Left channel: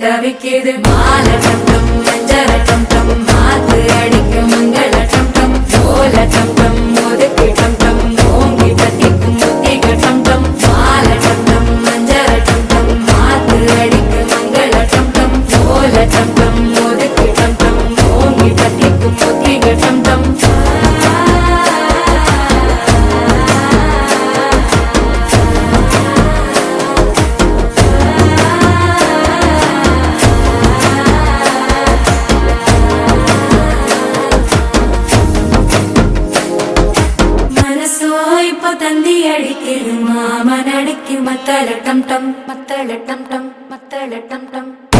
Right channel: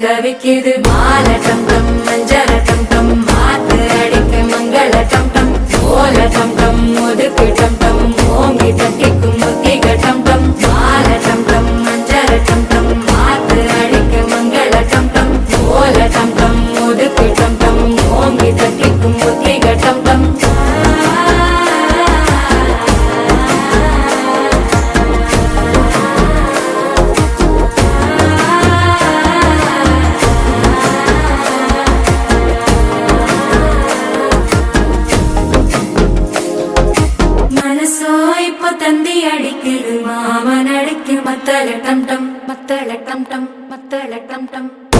தவிக்குது மால டம் டம் மஞ்சள டம் டம் மாத்து அடிக்க மங்கள டம் டம் ஓல டம் டம் ஒதுக்கு டம் டம் ஓங்கி தட்டிக்கும் புத்திக டம் டம் மால டம் டம் மஞ்சள டம் டம் மாத்து அடிக்க மங்கள டம் டம் ஓல டம் டம் ஒதுக்கு டம் டம் ஓங்கி தட்டிக்கும் புத்திக டம் டம் தந்தி அடிக்குது மாமன் அடிக்கு மத்தள டம் டம் மத்தள டம் டம் மத்தள டம் டம்